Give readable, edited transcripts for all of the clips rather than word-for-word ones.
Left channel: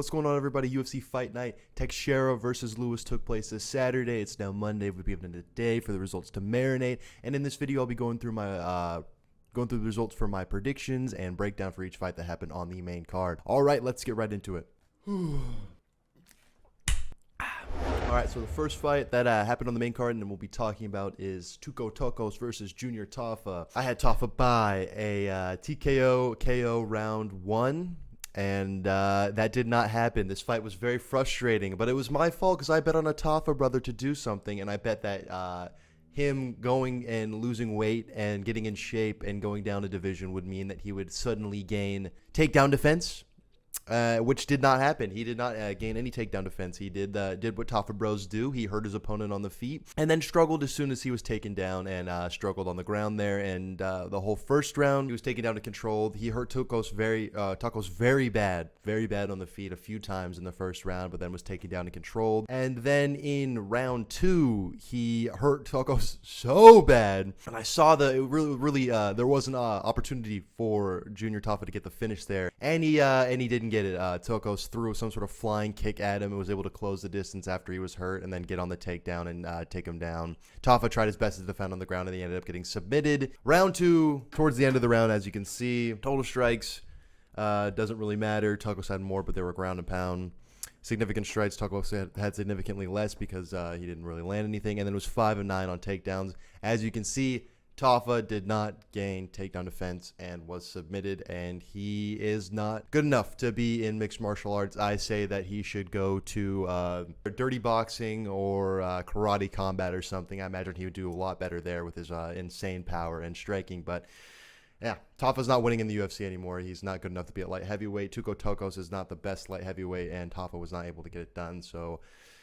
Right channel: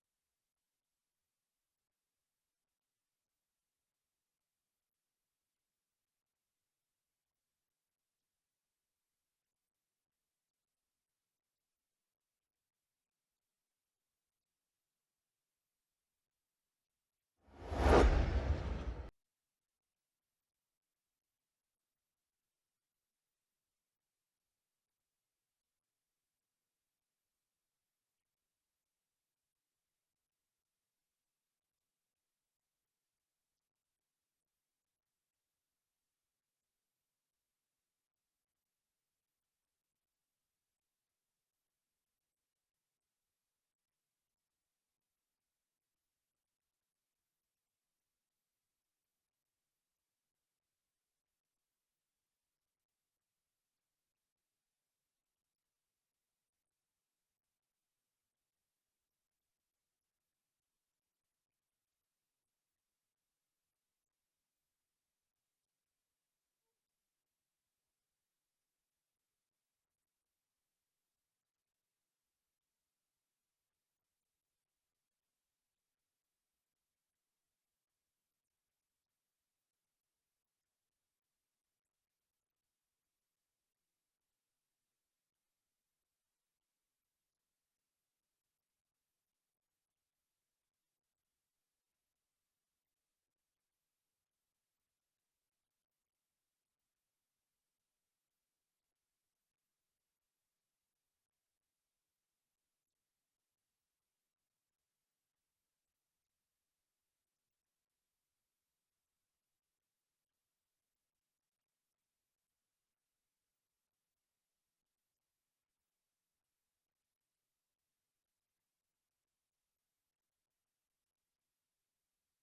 What's going on, everybody? UFC Fight Night Teixeira versus Lewis took place this Saturday. It's now Monday. We'll be given a day for the results to marinate. And in this video, I'll be going through my the results for my predictions and breakdown for each fight that happened on the main card. All right, let's get right into it. All right, so the first fight that happened on the main card and we'll be talking about is Tuco Tokos versus Junior Tafa. I had Tafa by a TKO KO round 1. And that did not happen. This fight was very frustrating, but it was my fault because I bet on a Tafa brother to do something, and I bet that him going and losing weight and getting in shape and going down a division would mean that he would suddenly gain takedown defense, which did not happen. He did not gain any takedown defense. He did what Tafa bros do. He hurt his opponent on the feet and then struggled as soon as he was taken down and struggled on the ground there. And the whole first round, he was taken down and controlled. He hurt Tokos very bad on the feet a few times in the first round, but then was taken down and controlled. And then in round 2, he hurt Tokos so bad, and I saw that it really there was an opportunity for Junior Tafa to get the finish there, and he didn't get it. Tokos threw some sort of flying kick at him and was able to close the distance after he was hurt and then get on the takedown and take him down. Tafa tried his best to defend on the ground and he ended up getting submitted. Round 2, towards the end of the round, as you can see, total strikes doesn't really matter. Tokos had more, but they were ground and pound. Significant strikes, Tokos had significantly less because he didn't really land anything, and then it was 5 of 9 on takedowns. As you can see, Tafa did not gain takedown defense and was submitted, and he is not good enough to be in mixed martial arts. I say that he should go to dirty boxing or karate combat or something. I imagine he would do a lot better there with his insane power and striking, but yeah, Tafa's not winning in the UFC anymore. He's not good enough to be at light heavyweight. Tuco Tokos is not the best light heavyweight, and Tafa was not able to get it done. So,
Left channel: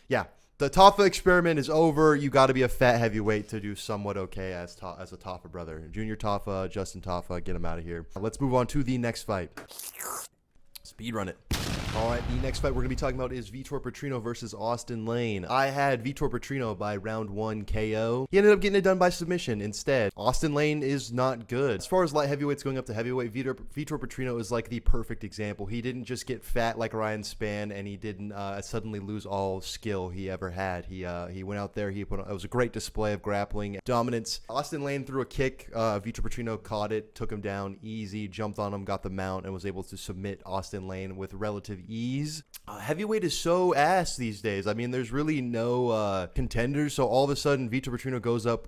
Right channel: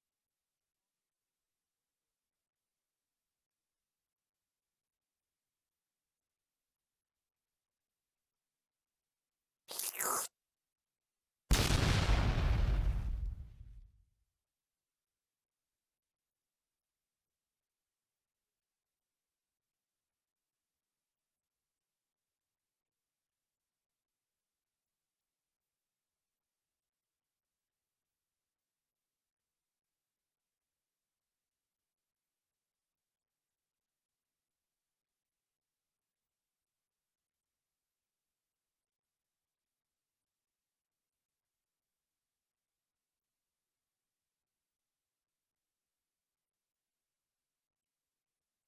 yeah, the Tafa experiment is over. You got to be a fat heavyweight to do somewhat okay as a Tafa brother. Junior Tafa, Justin Tafa, get him out of here. Let's move on to the next fight. Speed run it. All right, the next fight we're going to be talking about is Vitor Petrino versus Austin Lane. I had Vitor Petrino by round 1 KO. He ended up getting it done by submission instead. Austin Lane is not good. As far as light heavyweights going up to heavyweight, Vitor Petrino is like the perfect example. He didn't just get fat like Ryan Spann, and he didn't suddenly lose all skill he ever had. He went out there. It was a great display of grappling dominance. Austin Lane threw a kick. Vitor Petrino caught it, took him down easy, jumped on him, got the mount, and was able to submit Austin Lane with relative ease. Heavyweight is so ass these days. I mean, there's really no contenders, so all of a sudden Vitor Petrino goes up,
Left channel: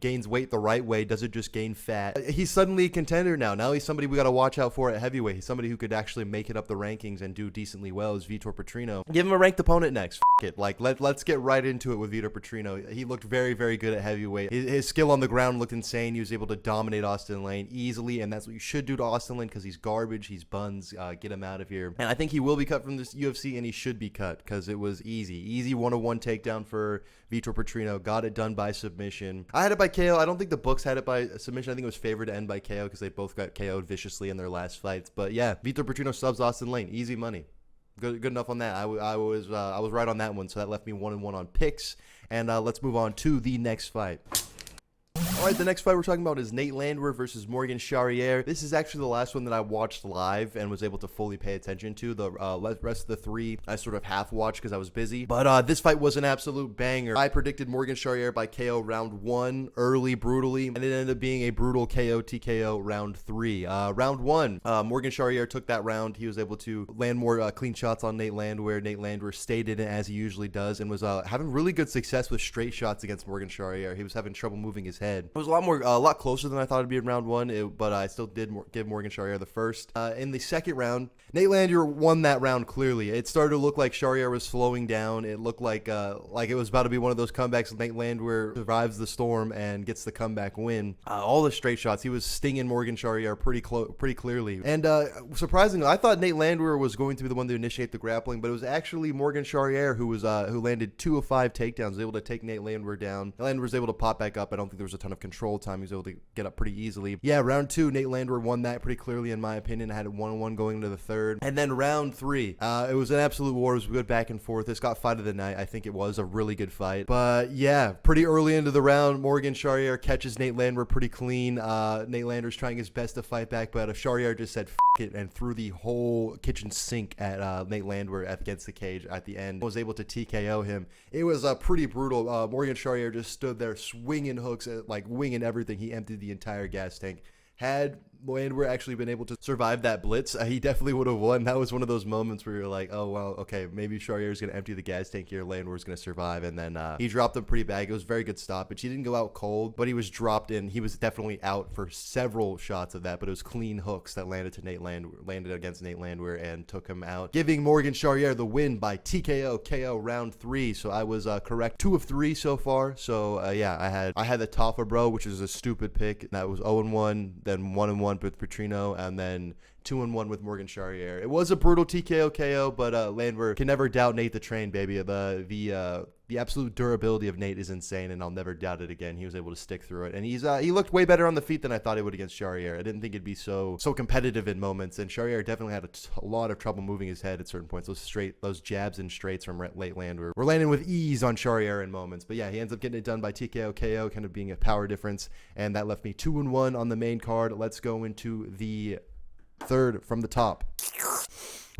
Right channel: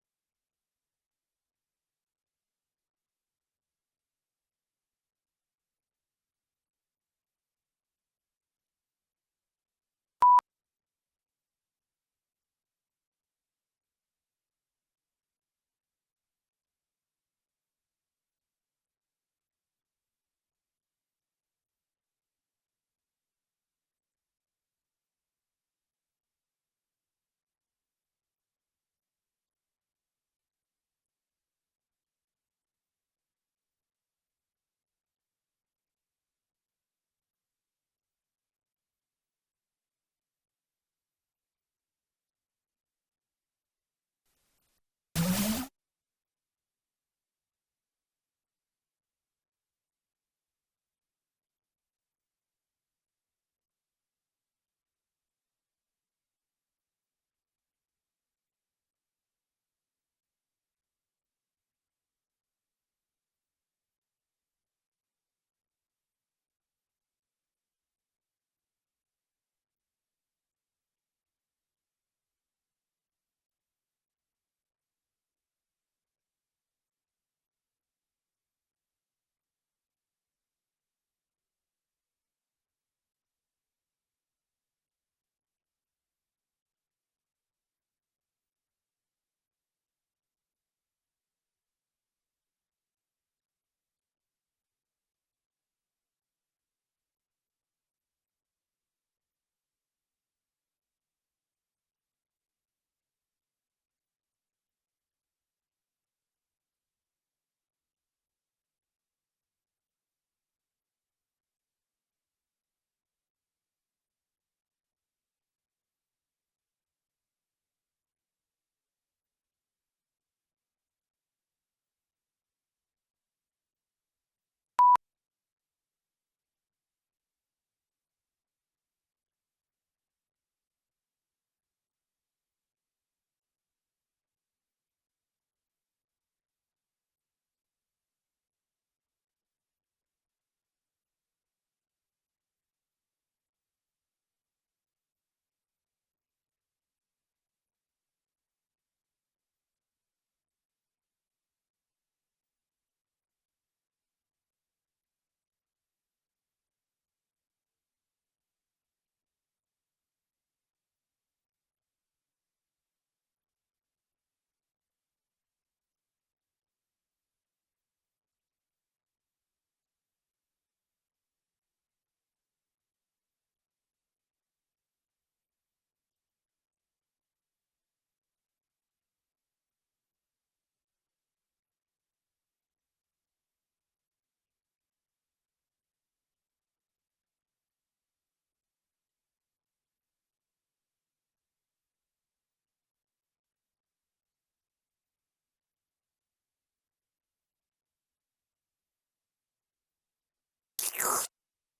gains weight the right way, doesn't just gain fat. He's suddenly a contender now. Now he's somebody we got to watch out for at heavyweight. He's somebody who could actually make it up the rankings and do decently well as Vitor Petrino. Give him a ranked opponent next. It. Like, let's get right into it with Vitor Petrino. He looked very good at heavyweight. His skill on the ground looked insane. He was able to dominate Austin Lane easily, and that's what you should do to Austin Lane because he's garbage. He's buns. Get him out of here. And I think he will be cut from this UFC, and he should be cut because it was easy 101 takedown for Vitor Petrino. Got it done by submission. I had it by KO. I don't think the books had it by submission. I think it was favored to end by KO because they both got KO'd viciously in their last fights. But yeah, Vitor Petrino subs Austin Lane. Easy money. Good enough on that. I was right on that one, so that left me 1-1 on picks. And let's move on to the next fight. All right, the next fight we're talking about is Nate Landwehr versus Morgan Charriere. This is actually the last one that I watched live and was able to fully pay attention to. The rest of the 3 I sort of half watched because I was busy. But this fight was an absolute banger. I predicted Morgan Charriere by KO round 1 early, brutally, and it ended up being a brutal KO TKO round 3. Round 1, Morgan Charriere took that round. He was able to land more clean shots on Nate Landwehr. Nate Landwehr stayed in it as he usually does and was having really good success with straight shots against Morgan Charriere. He was having trouble moving his head. It was a lot closer than I thought it'd be in round 1, but I still did give Morgan Charriere the first. In the second round, Nate Landwehr won that round clearly. It started to look like Charriere was slowing down. It looked like it was about to be one of those comebacks. Nate Landwehr survives the storm and gets the comeback win. All the straight shots, he was stinging Morgan Charriere pretty clearly. And surprisingly, I thought Nate Landwehr was going to be the one to initiate the grappling, but it was actually Morgan Charriere who landed 2 of 5 takedowns, was able to take Nate Landwehr down. Landwehr was able to pop back up. I don't think there was a ton of control time. He was able to get up pretty easily. Yeah, round 2, Nate Landwehr won that pretty clearly in my opinion. I had it 1-1 going into the third. And then round 3, it was an absolute war. It was good back and forth. This got fight of the night. I think it was a really good fight. But yeah, pretty early into the round, Morgan Charriere catches Nate Landwehr pretty clean. Nate Landwehr's trying his best to fight back, but Charriere just said, F bucket and threw the whole kitchen sink at Nate Landwehr against the cage at the end. Was able to TKO him. It was pretty brutal. Morgan Charrier just stood there swinging hooks, like winging everything. He emptied the entire gas tank. Had Landwehr actually been able to survive that blitz, he definitely would have won. That was one of those moments where you're like, oh, well, okay, maybe Charrier's going to empty the gas tank here. Landwehr's going to survive. And then he dropped him pretty bad. It was a very good stoppage. He didn't go out cold, but he was dropped in. He was definitely out for several shots of that, but it was clean hooks that landed against Nate Landwehr and took him out, giving Morgan Charrier the win by TKO KO round 3. So I was correct. 2 of 3 so far. So yeah, I had the Toffa bro, which is a stupid pick. That was 0-1, then 1-1 with Petrino, and then 2-1 with Morgan Charrier. It was a brutal TKO KO, but Landwehr can never doubt Nate the Train, baby. The absolute durability of Nate is insane, and I'll never doubt it again. He was able to stick through it, and he looked way better on the feet than I thought he would against Charrier. I didn't think it'd be so competitive in moments, and Charrier definitely had a lot of trouble moving his head at certain points. Those jabs and straights from late Landwehr were landing with ease on Charrier in moments. But yeah, he ends up getting it done by TKO KO, kind of being a power difference, and that left me 2-1 on the main card. Let's go into the third from the top.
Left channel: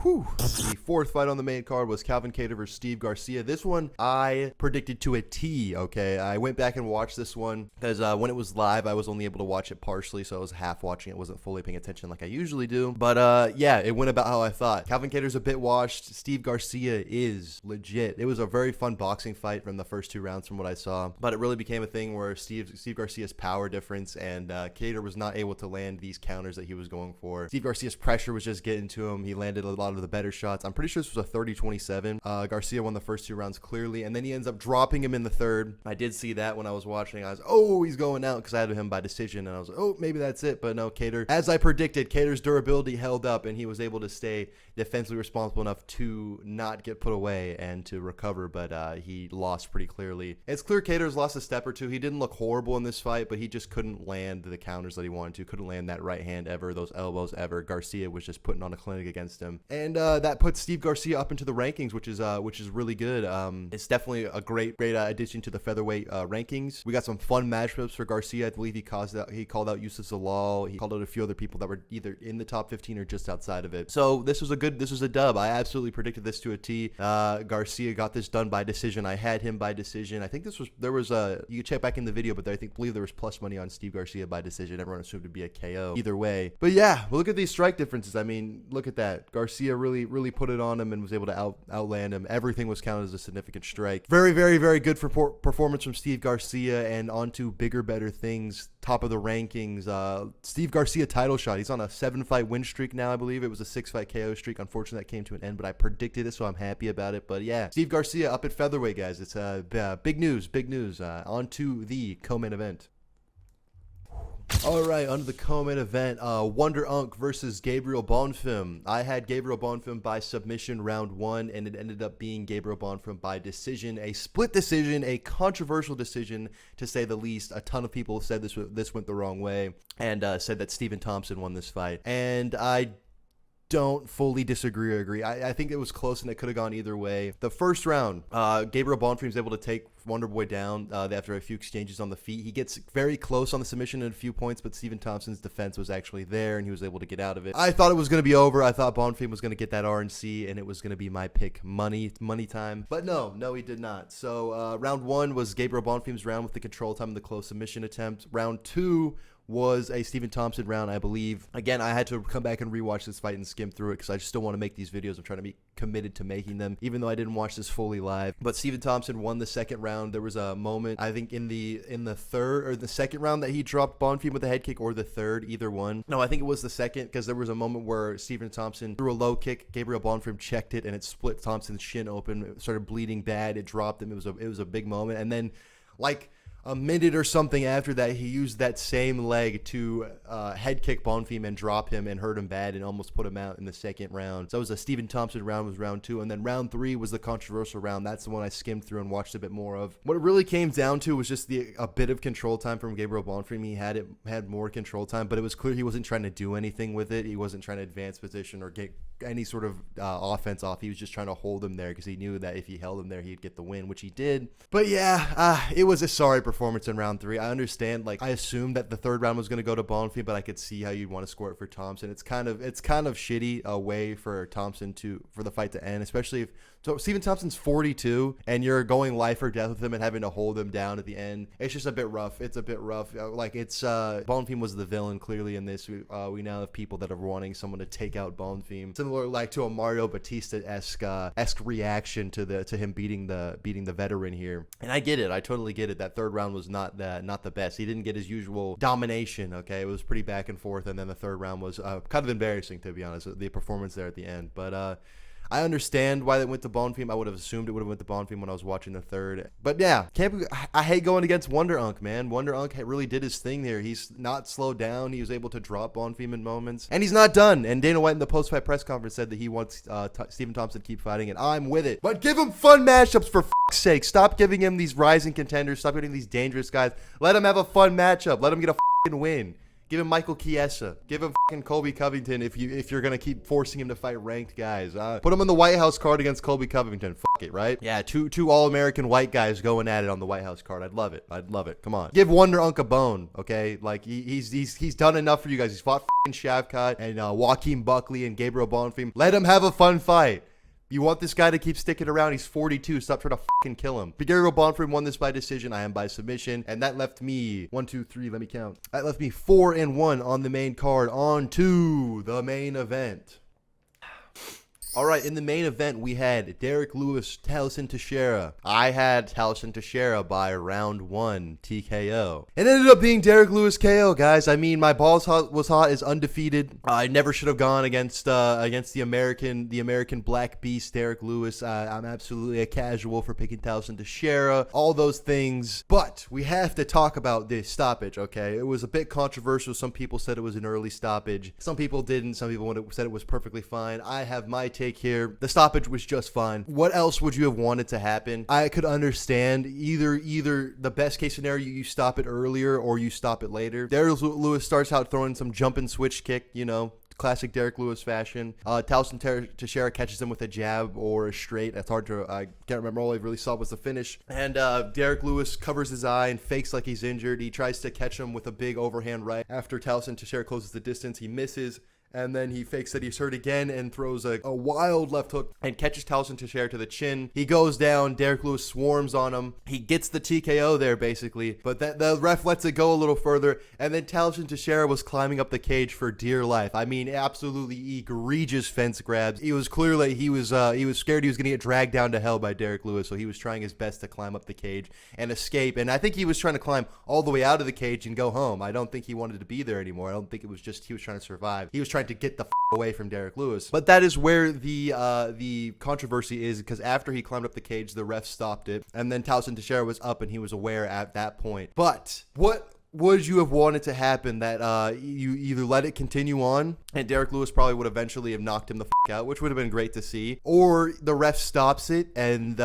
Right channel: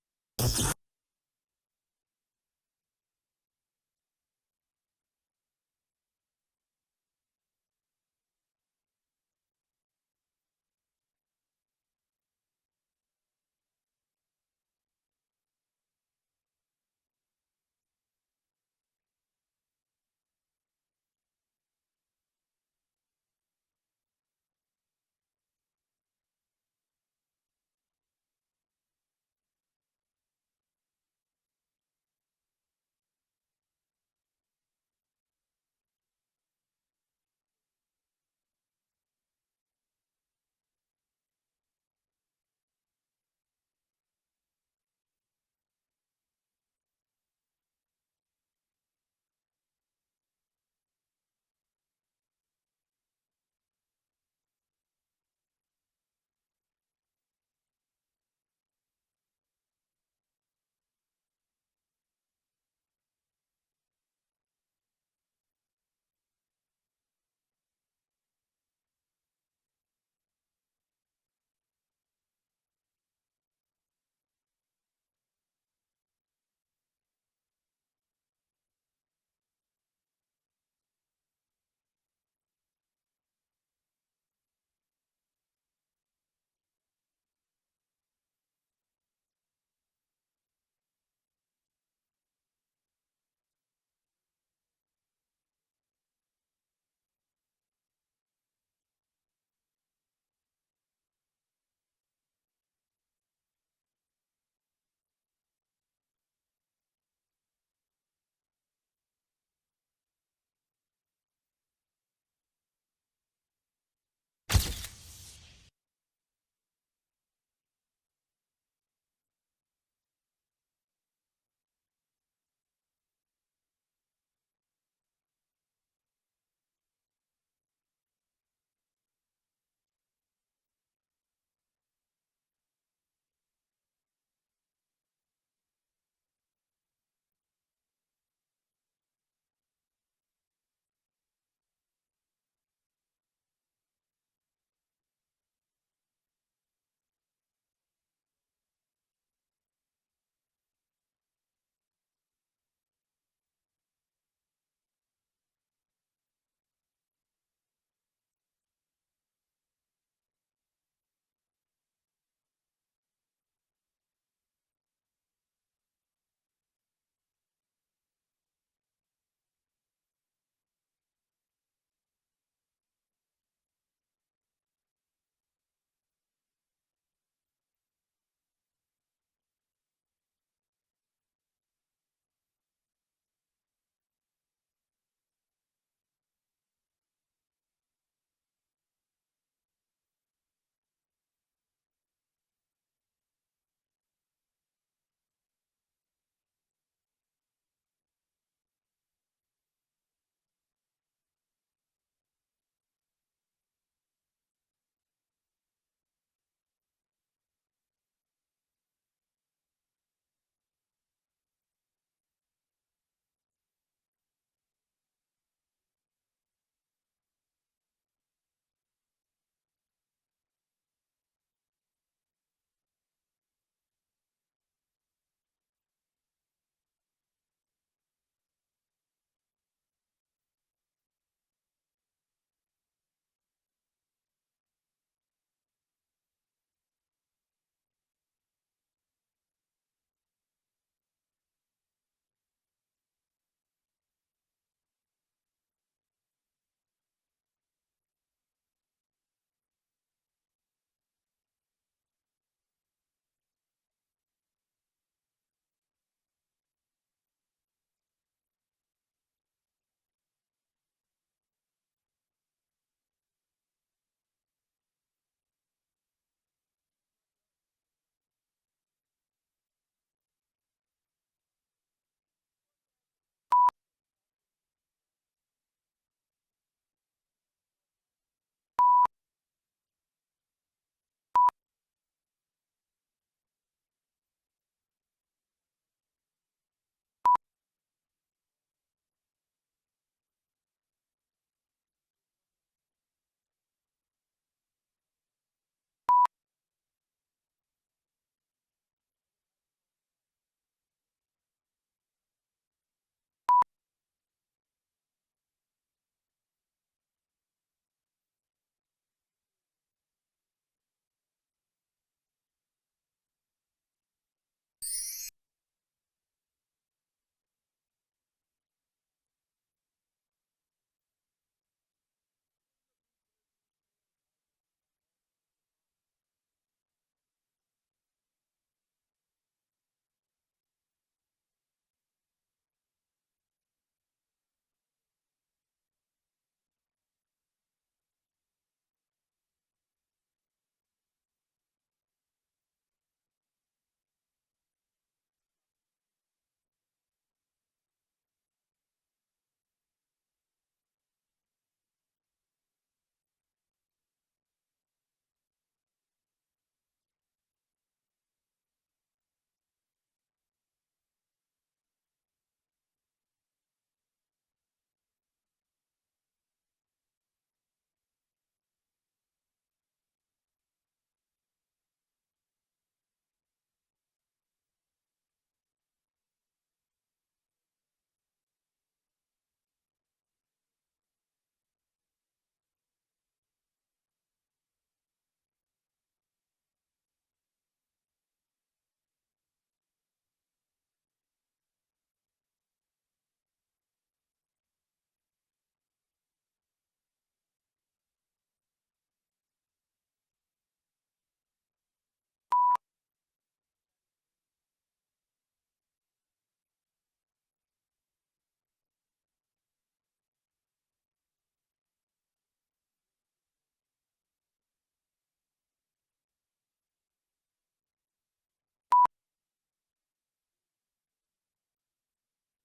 Whew. The fourth fight on the main card was Calvin Kattar versus Steve Garcia. This one I predicted to a T, okay? I went back and watched this one because when it was live, I was only able to watch it partially, so I was half watching it, wasn't fully paying attention like I usually do. But yeah, it went about how I thought. Calvin Kattar's a bit washed. Steve Garcia is legit. It was a very fun boxing fight from the first 2 rounds from what I saw, but it really became a thing where Steve Garcia's power difference and Kattar was not able to land these counters that he was going for. Steve Garcia's pressure was just getting to him. He landed a lot of the better shots. I'm pretty sure this was a 30-27. Garcia won the first 2 rounds clearly, and then he ends up dropping him in the third. I did see that when I was watching. I was, oh, he's going out, because I had him by decision, and I was like, oh, maybe that's it. But no, Kattar, as I predicted, Kattar's durability held up, and he was able to stay defensively responsible enough to not get put away and to recover, but he lost pretty clearly. It's clear Kattar's lost a step or two. He didn't look horrible in this fight, but he just couldn't land the counters that he wanted to, couldn't land that right hand ever, those elbows ever. Garcia was just putting on a clinic against him, and that puts Steve Garcia up into the rankings, which is really good. It's definitely a great addition to the featherweight rankings. We got some fun matchups for Garcia. I believe he called out Yusuf Zalal. He called out a few other people that were either in the top 15 or just outside of it. So this was a dub. I absolutely predicted this to a T. Garcia got this done by decision. I had him by decision. I think there was you can check back in the video, but believe there was plus money on Steve Garcia by decision. Everyone assumed it'd be a KO either way. But yeah, look at these strike differences. I mean, look at that. Garcia really put it on him and was able to outland him. Everything was counted as a significant strike. Very, very, very good performance from Steve Garcia, and on to bigger, better things. Top of the rankings. Steve Garcia title shot. He's on a 7-fight win streak now, I believe. It was a 6-fight KO streak. Unfortunately, that came to an end, but I predicted it, so I'm happy about it. But yeah, Steve Garcia up at featherweight, guys. It's big news. On to the co-main event. All right, under the co-main event, Wonder Unk versus Gabriel Bonfim. I had Gabriel Bonfim by submission round 1, and it ended up being Gabriel Bonfim by decision, a split decision, a controversial decision to say the least. A ton of people said this went the wrong way, and said that Stephen Thompson won this fight, and I don't fully disagree or agree. I think it was close and it could have gone either way. The first round, Gabriel Bonfim was able to take Wonderboy down after a few exchanges on the feet. He gets very close on the submission at a few points, but Stephen Thompson's defense was actually there and he was able to get out of it. I thought it was going to be over. I thought Bonfim was going to get that RNC and it was going to be my pick money time. But no, he did not. So round 1 was Gabriel Bonfim's round with the control time and the close submission attempt. Round 2 was a Stephen Thompson round, I believe. Again, I had to come back and rewatch this fight and skim through it because I just still want to make these videos. I'm trying to be committed to making them, even though I didn't watch this fully live. But Stephen Thompson won the second round. There was a moment, I think in the third or the second round, that he dropped Bonfim with a head kick, or the third, either one. No, I think it was the second, because there was a moment where Stephen Thompson threw a low kick. Gabriel Bonfim checked it, and it split Thompson's shin open. It started bleeding bad. It dropped him. It was a big moment. And then, like a minute or something after that, he used that same leg to head kick Bonfim and drop him and hurt him bad and almost put him out in the second round. So it was a Stephen Thompson round, was round 2. And then round 3 was the controversial round. That's the one I skimmed through and watched a bit more of. What it really came down to was just a bit of control time from Gabriel Bonfim. He had more control time, but it was clear he wasn't trying to do anything with it. He wasn't trying to advance position or get any sort of offense off. He was just trying to hold him there because he knew that if he held him there, he'd get the win, which he did. But yeah, it was a sorry performance in round 3. I understand. Like, I assumed that the third round was going to go to Bonfim, but I could see how you'd want to score it for Thompson. It's kind of shitty a way for Thompson for the fight to end, especially if Stephen Thompson's 42 and you're going life or death with him and having to hold him down at the end. It's just a bit rough. It's a bit rough. Like, it's Bonfim was the villain clearly in this. We now have people that are wanting someone to take out Bonfim, similar like to a Mario Batista-esque reaction to him beating the veteran here. And I get it. I totally get it. That third round was not the best. He didn't get his usual domination. Okay, it was pretty back and forth, and then the third round was kind of embarrassing, to be honest. The performance there at the end, but. I understand why they went to Bonfim. I would have assumed it would have went to Bonfim when I was watching the third. But yeah, I hate going against Wonder Unk, man. Wonder Unk really did his thing there. He's not slowed down. He was able to drop Bonfim in moments. And he's not done. And Dana White in the post-fight press conference said that he wants Stephen Thompson to keep fighting, and I'm with it. But give him fun matchups, for f***'s sake. Stop giving him these rising contenders. Stop getting these dangerous guys. Let him have a fun matchup. Let him get a f***ing win. Give him Michael Chiesa. Give him fucking Colby Covington if you're gonna keep forcing him to fight ranked guys. Put him on the White House card against Colby Covington. Fuck it, right? Yeah, two All-American white guys going at it on the White House card. I'd love it. Come on, give Wonder Unk a bone, okay? Like he's done enough for you guys. He's fought fucking Shavkat and Joaquin Buckley and Gabriel Bonfim. Let him have a fun fight. You want this guy to keep sticking around? He's 42. Stop trying to fucking kill him. Gabriel Bonfim won this by decision. I am by submission. And that left me 1, 2, 3. Let me count. That left me 4-1 on the main card. On to the main event. All right, in the main event, we had Derek Lewis, Tallison Teixeira. I had Tallison Teixeira by round 1 TKO. It ended up being Derek Lewis KO, guys. I mean, my balls was hot, is undefeated. I never should have gone against the American Black Beast, Derek Lewis. I'm absolutely a casual for picking Tallison Teixeira. All those things, but we have to talk about this stoppage. Okay, it was a bit controversial. Some people said it was an early stoppage. Some people didn't. Some people said it was perfectly fine. I have my take here. The stoppage was just fine. What else would you have wanted to happen? I could understand either the best case scenario, you stop it earlier or you stop it later. Derek Lewis starts out throwing some jump and switch kick, classic Derek Lewis fashion. Tallison Teixeira catches him with a jab or a straight. That's hard to, I can't remember. All I really saw was the finish. And Derek Lewis covers his eye and fakes like he's injured. He tries to catch him with a big overhand right. After Tallison Teixeira closes the distance, he misses. And then he fakes that he's hurt again and throws a wild left hook and catches Tallison Teixeira to the chin. He goes down. Derek Lewis swarms on him. He gets the TKO there, basically. But the ref lets it go a little further. And then Tallison Teixeira was climbing up the cage for dear life. I mean, absolutely egregious fence grabs. He was clearly, he was scared he was going to get dragged down to hell by Derek Lewis. So he was trying his best to climb up the cage and escape. And I think he was trying to climb all the way out of the cage and go home. I don't think he wanted to be there anymore. I don't think it was just he was trying to survive. He was trying to get the away from Derek Lewis. But that is where the controversy is, because after he climbed up the cage, the ref stopped it, and then Tallison Teixeira was up and he was aware at that point. But what would you have wanted to happen? That you either let it continue on and Derek Lewis probably would eventually have knocked him the out, which would have been great to see, or the ref stops it and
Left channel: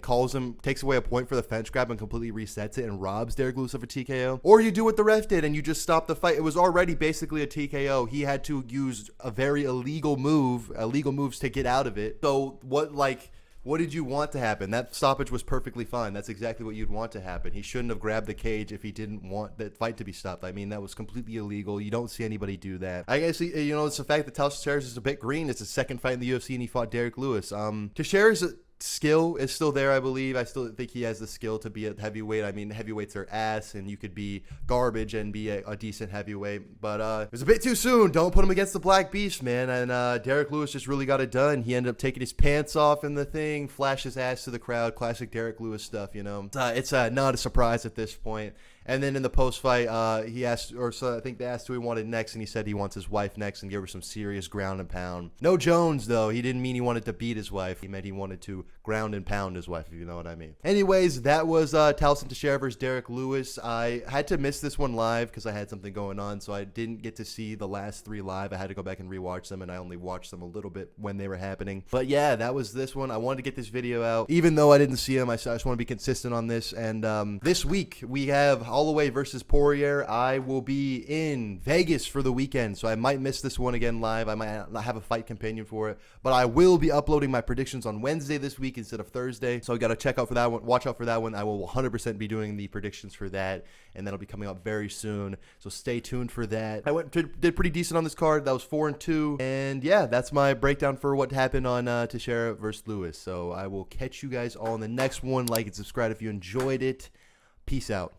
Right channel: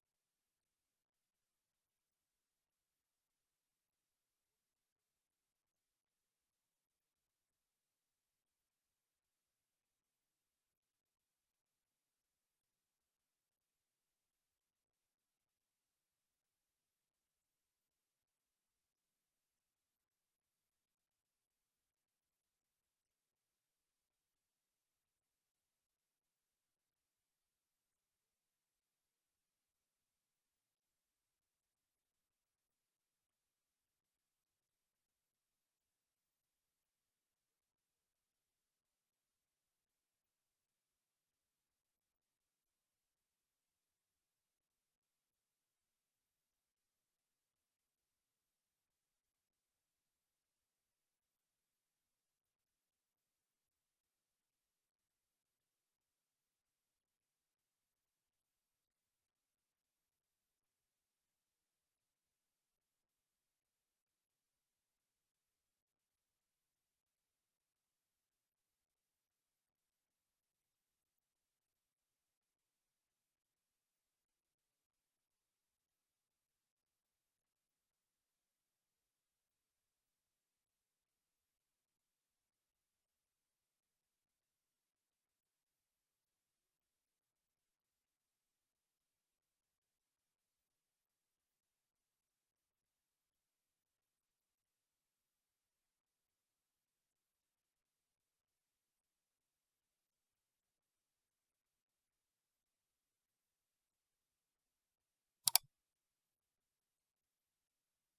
calls him, takes away a point for the fence grab and completely resets it and robs Derek Lewis of a TKO, or you do what the ref did and you just stop the fight. It was already basically a TKO. He had to use a very illegal moves to get out of it. So what did you want to happen? That stoppage was perfectly fine. That's exactly what you'd want to happen. He shouldn't have grabbed the cage if he didn't want that fight to be stopped. I mean, that was completely illegal. You don't see anybody do that. I guess, it's the fact that Tallison Teixeira is a bit green. It's his second fight in the UFC, and he fought Derek Lewis. Teixeira's skill is still there, I believe. I still think he has the skill to be a heavyweight. I mean, heavyweights are ass, and you could be garbage and be a decent heavyweight. But it was a bit too soon. Don't put him against the Black Beast, man. And Derek Lewis just really got it done. He ended up taking his pants off in the thing, flashed his ass to the crowd. Classic Derek Lewis stuff, It's not a surprise at this point. And then in the post-fight, he asked, I think they asked who he wanted next, and he said he wants his wife next and gave her some serious ground and pound. No Jones, though. He didn't mean he wanted to beat his wife. He meant he wanted to ground and pound his wife, if you know what I mean. Anyways, that was Tallison Teixeira versus Derek Lewis. I had to miss this one live because I had something going on, so I didn't get to see the last 3 live. I had to go back and rewatch them, and I only watched them a little bit when they were happening. But yeah, that was this one. I wanted to get this video out. Even though I didn't see him, I just want to be consistent on this. And this week, we have Holloway versus Poirier. I will be in Vegas for the weekend, so I might miss this one again live. I might not have a fight companion for it, but I will be uploading my predictions on Wednesday this week instead of Thursday. So I got to check out for that one. Watch out for that one. I will 100% be doing the predictions for that, and that'll be coming up very soon. So stay tuned for that. I did pretty decent on this card. That was 4-2, and yeah, that's my breakdown for what happened on Teixeira versus Lewis. So I will catch you guys all in the next one. Like and subscribe if you enjoyed it. Peace out.